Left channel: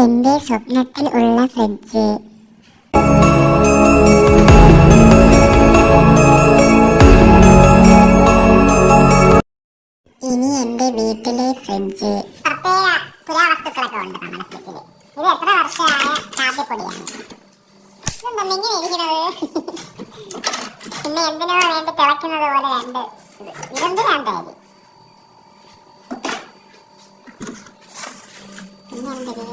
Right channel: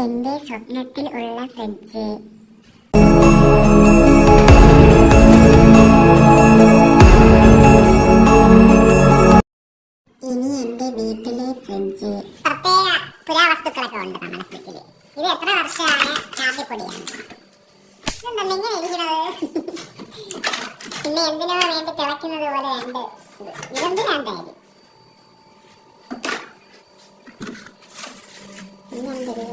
എന്റെ സ്വപ്നത്തിൽ ഉള്ള ഫ്രിഡ്ജ്. ഇനി എന്റെ വീട്ടിലെ ഫ്രിഡ്ജ്. പ്രത്യേക പുരാവസ്തുക്കളൊക്കെ ഉണ്ട് നമ്മുടെ ഫ്രിഡ്ജില്. ഇത് എത്ര വർഷമായ കാപ്പിപ്പൊടിയാണ്. ഇതെന്താ ഇങ്ങനെ ഇരിക്കുന്നത്? പിന്നെ എന്തിനോ വേണ്ടി തിളയ്ക്കുന്നത് പോലെ രണ്ട് ഇതെന്തിനാണ്ടായത്? പിന്നെ എന്തൊരു